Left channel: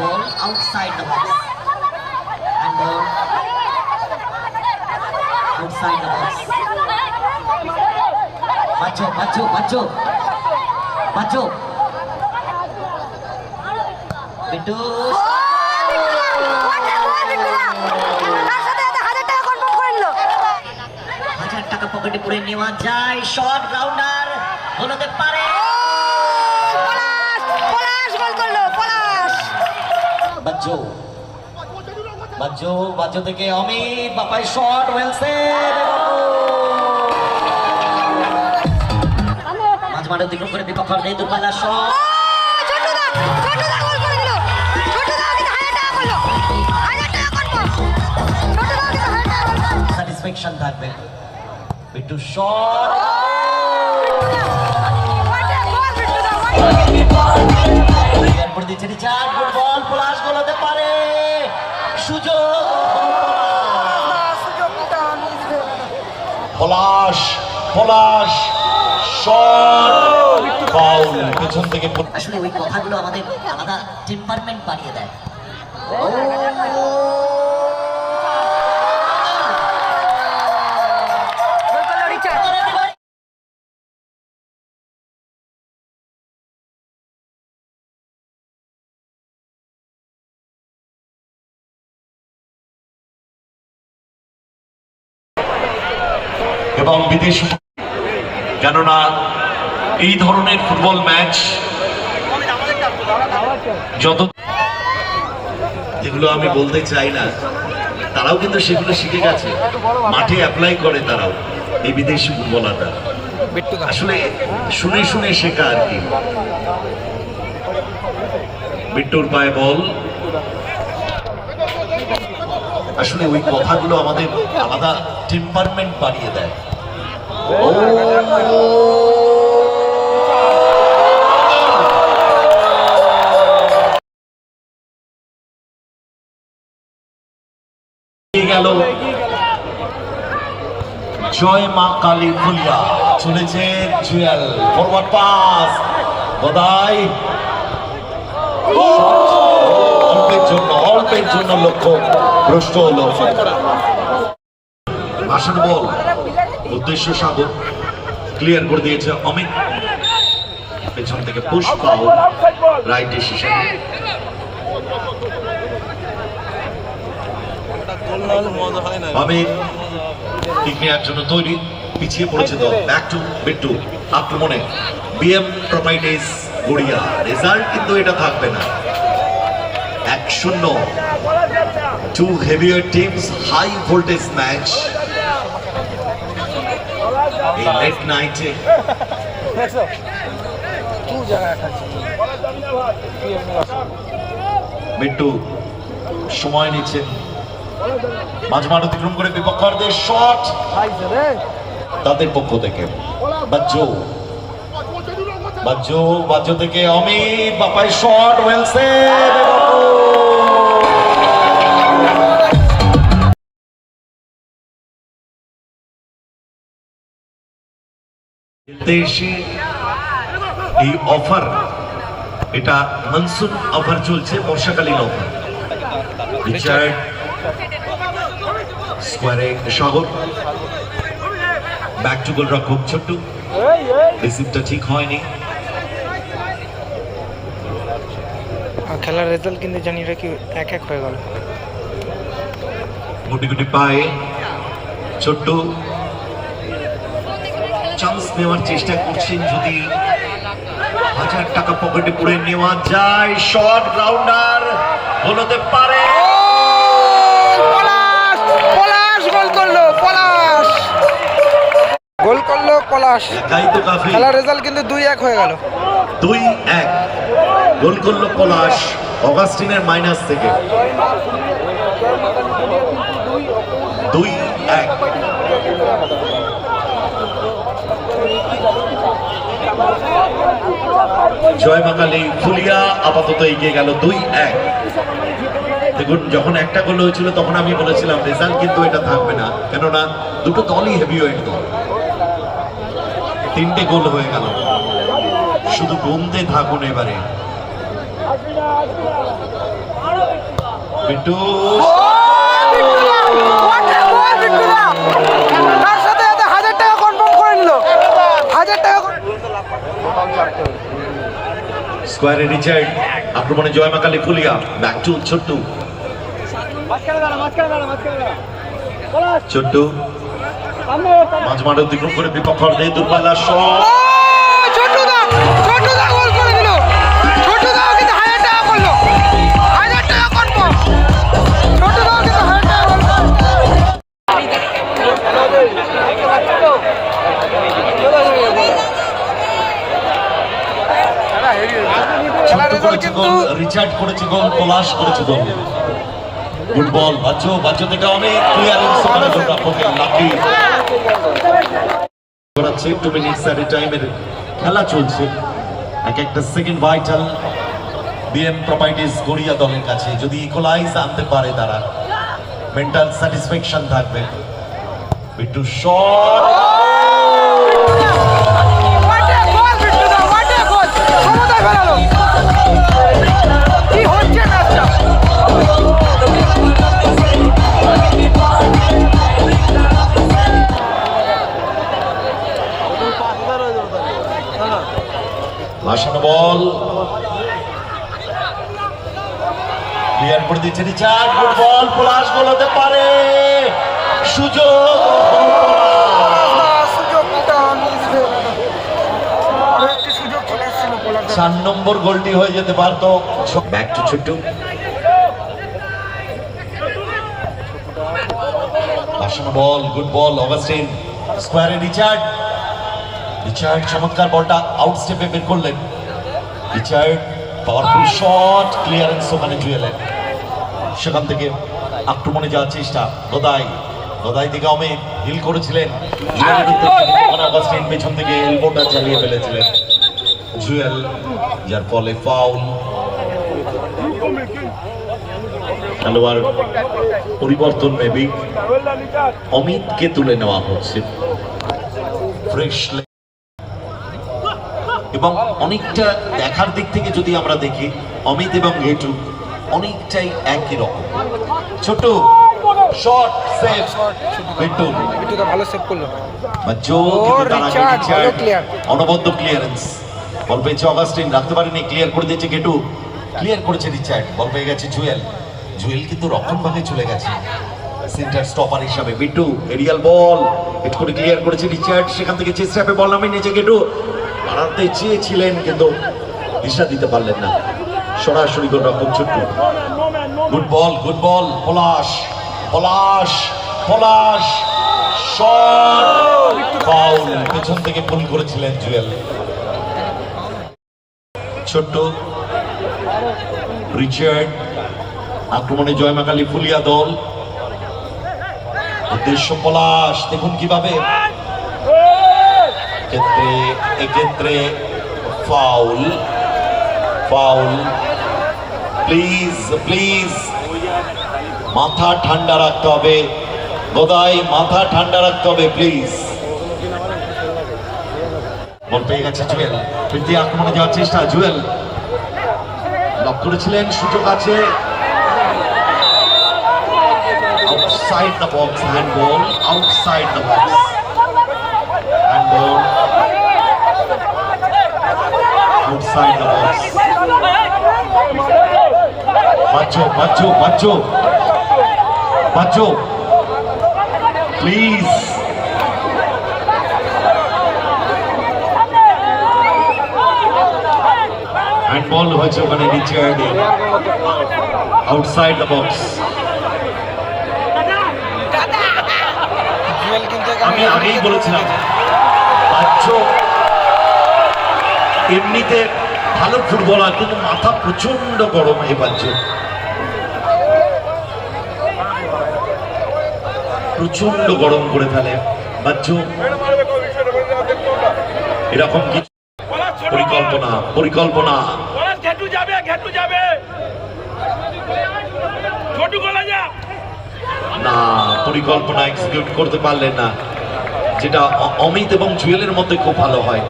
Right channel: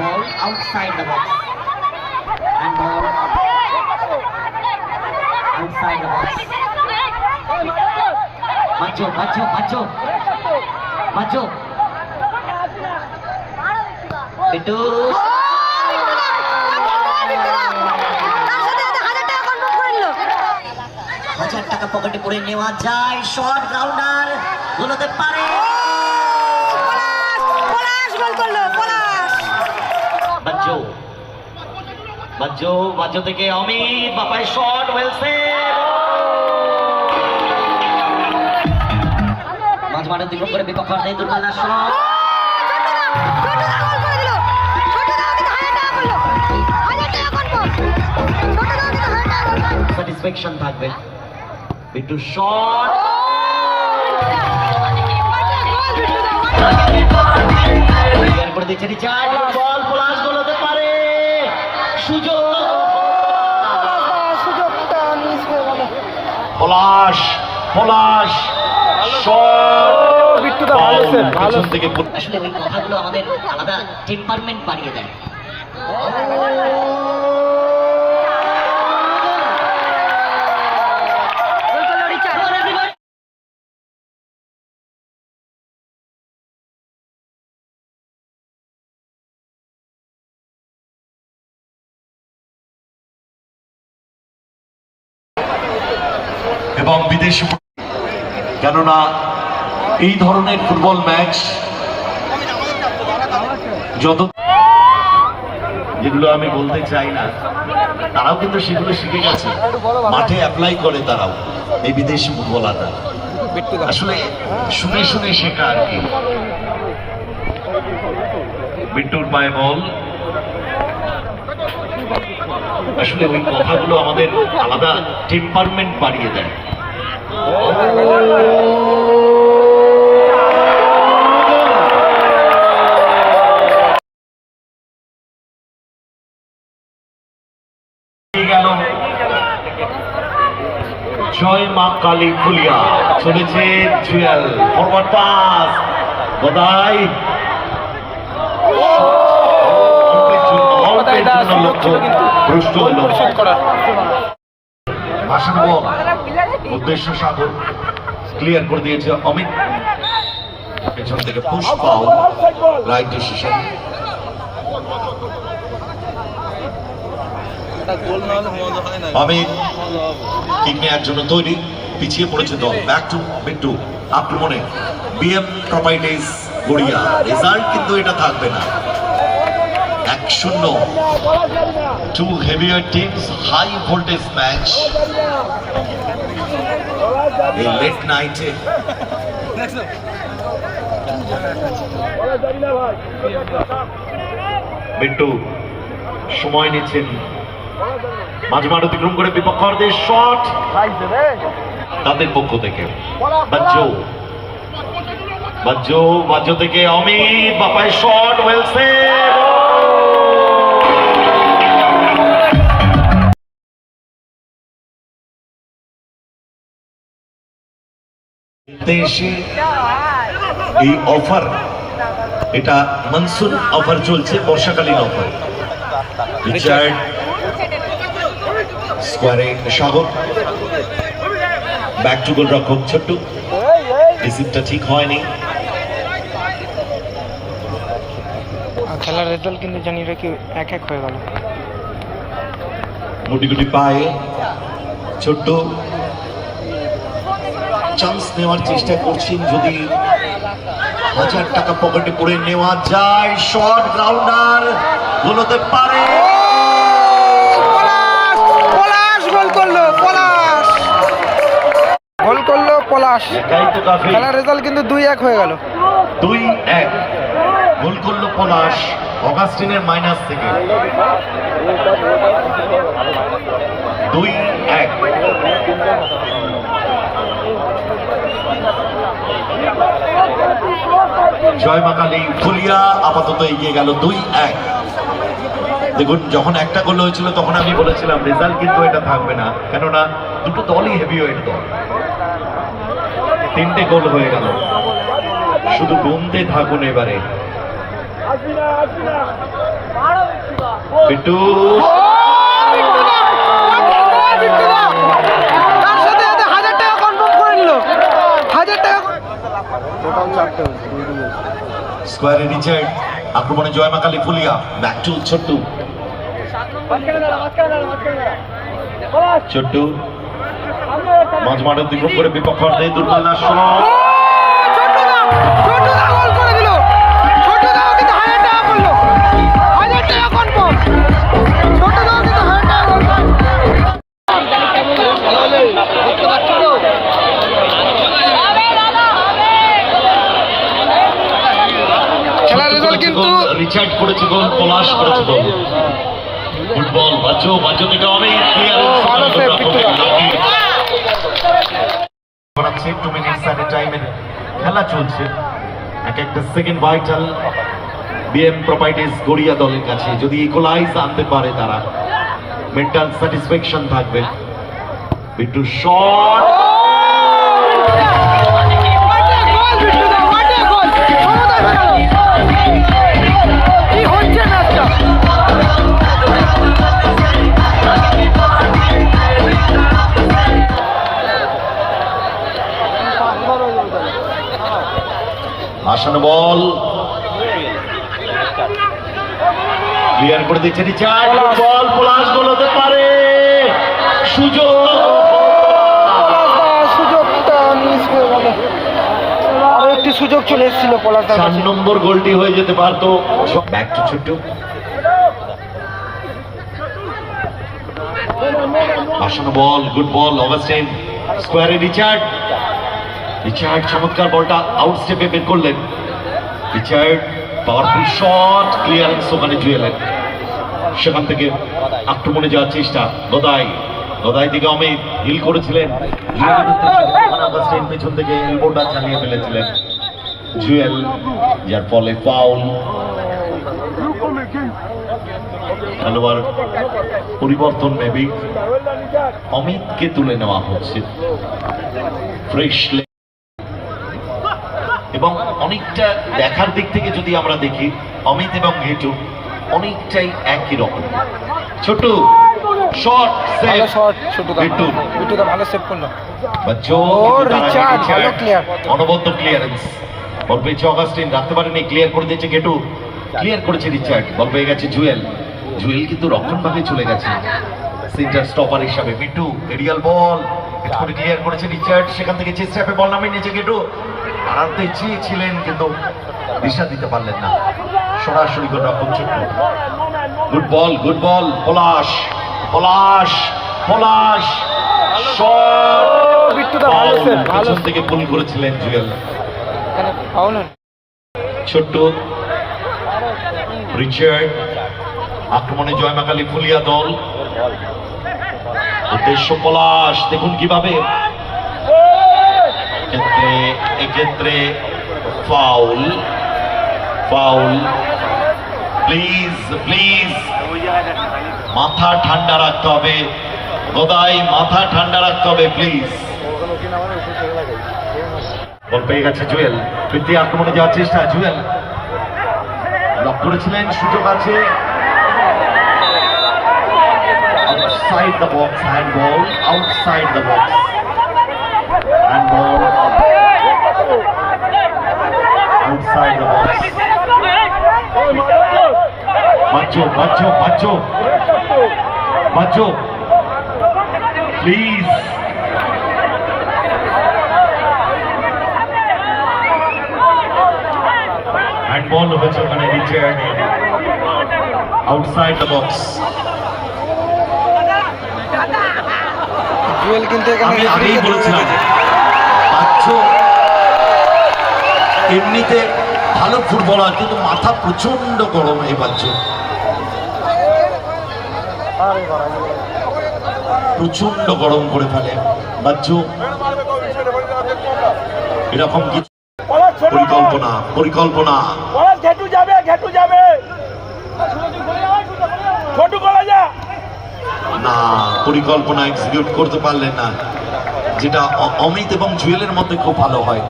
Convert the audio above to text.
ball outside the box. And ball outside the box. বাচ্চো বাচ্চো বাচ্চো বাচ্চো বিট্টু হাজার টাকা পকেটে পড়ে নেওয়া যায়। শর্ট রাউন্ডার হতে পারে। বাজ্জো বাজ্জো বাজ্জো থেকে অমিত বাপাই শট ওয়েলসেন মাঝ মাঠে দিক করে বিপক্ষ নেই দুর্গাদার শট স্যাটিসফ্যাকশন থাকবে। বিট্টু শট। দিচ্ছে রিচার্ড বল পলাশ। গোল হতে পারে। সুযোগ। পলাশ পলাশ আসলে ওই কথাগুলো আমাদের আলাদা টেম্পারমেন্ট বাড়িয়ে দেয়। এবং বিদেশ কেননা এই ধরনের ফুটবল ম্যাচ যত যেগুলো আমি বলতে চাই না, তারাও কিন্তু সেগুলো শিখে গেছে। মাঠে অ্যাপ্লাই করে তারাও, এই বিদেশি ফুটবলাররা। আসলে শুনে শুনে শেখা আর কি। বিট্টুর পায়ে বল। আসলে ওই কথাগুলো আমাদের আলাদা টেম্পারমেন্ট বাড়িয়ে দেয়। গেল জয় মা কালী ফুলিয়া। চলেছে জুয়েল ফরওয়ার্ড পাস গদাই ভাষণ বল। উদ্দেশ্য সাগর। ক্লিয়ার করে দিয়েছে অমিত। পেছন থেকে পুশ পাও রাইট ডিসিশন অমিত তৈরি। পিছিয়ে পড়েছে back to properties Garia. Result কিন্তু এটা থাকবে না। এক শূন্য। Two teams high voltage match এই লেট নাইটে বিট্টু সময় নিচ্ছেন। মাঝ মাঠ অতিক্রম করে বিপক্ষদের শট তাদের পক্ষ থেকে। বাজ্জু বাজ্জু বাজ্জু থেকে অমিত বাপাই শট ওয়েলসেন দেশে। এই অফার এটা মনসুন অফার চলছে বর্ষাকালীন অফার। রিচার্ড স্কোয়ারে সাগর ব্যাক টু গোল রক্ষক ছোট্ট। রিসিভটা ঠিক হয়নি। খেলার রেজাল্ট কিন্তু জানি রাখি এক এক হয়ে গেল। গুটি গুটি পায়ে। ছোট্ট। চান্স নেওয়ার চেষ্টা করছেন যদি হাজার টাকা পকেটে পড়ে নেওয়া যায়। শর্ট গ্রাউন্ডার গোলতে পারে। পলাশ পলাশ গোল করল পলাশ। গোল করল পলাশ। খেলার রেজাল্ট কিন্তু দুই এক হয়ে গেল। দুই এক। গোল করল পলাশ অগাস্টিনের মাইনাস থেকে। দুই এক। জয় মাকালি ফুলিয়া আপাতত এগিয়ে গেল দুই এক। দেখুন, যখন একটা গোল হয়েছিল, তখন আমি বলেছিলাম, রেজাল্ট কিন্তু এটা থাকবে না। কেননা, দুটো দলই হেভি হেভিওয়েট দল। তিনটে গোল হয়ে গেল। শুধু গুনতে থাকুন এবারে। ও বিট্টুদা স্কোয়ারে রিচার্ড, আক্রমণে জয় মাকালি ফুলিয়া ব্যাক টু ছোট্টু। ছোট্টু মাঝ মাঠ অতিক্রম করে বিপক্ষ অর্ধে দূরপাল্লার শট কিন্তু রিচার্ড করেছে গোল পলাশ করেছে গোল। ফুটবল বাচ্চু বাচ্চু থেকে অনেক ভালো save, করাচ্ছে টু মিনিটস এট টাইমের খেলা চলছে। এক একটা second vital BM properties Garia দলের কাছে। যদি ইকুলাইজ আনতে পারে তারা মেন্টাল স্যাটিসফ্যাকশন থাকবে। বিট্টু শট ক্লিয়ার করে দিচ্ছে রিচার্ড বল পলাশ গোল পারে। সুযোগ। আরও একটি সুযোগ চলে এসেছিল পলাশদার চার নম্বর গোলটি হয়ে যেতে পারতো। Back to Chhotu. ভাসানো ball good ball Augustine স্কোয়ারে রিচার্ড। রিচার্ড চমৎকার বলটা আউট স্টেপে বের করলেন। রিচার্ড পাওয়ারফুল শট ক্লিয়ারেন্স ওখানে জুয়েলের সেখান থেকে আক্রমণে যাওয়ার চেষ্টা গদাই গদাই থেকে অমিত হিল করেছিলেন। পেছন থেকে এলবোটা চালিয়ে ফেলেছিলেন। জুয়েল, যার ফলে ফাউল খেলোয়াড় পরিবর্তন মেবি অমিতকে তুলে নেওয়া হচ্ছে। ফ্রেশ এবং অনেকটা দেখার দিক থেকে যদি আমরা দেখি অমিত এবং ঘেটু অনেকটাই একই রকম। ছোট শর্ট শট ভালো সেভ করল। ভালো। অনবদ্য ক্লিয়ারেন্স বল পেয়েছে অগাস্টিন রাখতে পারেনি ক্লিয়ার করে দিয়েছে গেটু ক্লিয়ার করেছে রিচার্ড বল পেয়ে গেছে জুয়েল। জুয়েল কিন্তু চলে গেছে। সেন্টার স্টপার হিসাবে। বিট্টু এরিয়াল বল একটু করে ক্লিয়ার করেছে রিচার্ড সেখান থেকে চেষ্টা হবে বল নামিয়ে নিয়েছে গেটু আড়াতে চেয়েছিলেন কিন্তু দিশা দিতে পারলেন না। সরাসরি করে রক্ষণ ছোট্ট। গুড বল গুড বল পলাশ পলাশ পলাশ পিছন থেকে পুল করেছিলেন জুয়েল। ছোট্ট। রিচার্ড আক্রমণে জয়মাকালী ফুলিয়া দল। উদ্দেশ্য পলাশ দেখুন কীভাবে। ক্ষেত্রে এক্ষেত্রে ফাউল ফাউল প্লিজ প্লিজ মাথা ঠান্ডা রাখতে হবে। গোদাই, মাথা ঠান্ডা রাখতে হবে প্লিজ বল পেয়ে গেছে জুয়েল। ফিরতি আক্রমণে যাওয়ার চেষ্টা। জুয়েল লক করেছিলেন, সুযোগ আছে। Outside the box hand ball outside the box hand ball outside the box বাচ্চো বাচ্চো বাচ্চো বাচ্চো প্লিজ হ্যান্ড বল হয়েছে ওখানে Richard outside the box Jewel কিন্তু এখানে আমি আগেই বলেছিলাম। রেখেছে। এমনিতে ভালো ফুটবলার, কিন্তু মাথা প্রচণ্ড গরম এই বাচ্চ। প্রচণ্ড গরম করে ফেলে বাচ্চ। এরকম কিছু পরিকল্পনা? পরিকল্পনা। না, পরিকল্পনা এক্সিকিউট করতে পারলেন না। যেটা অমিত এবং জুয়েলের মধ্যে খুব ভালো হয়।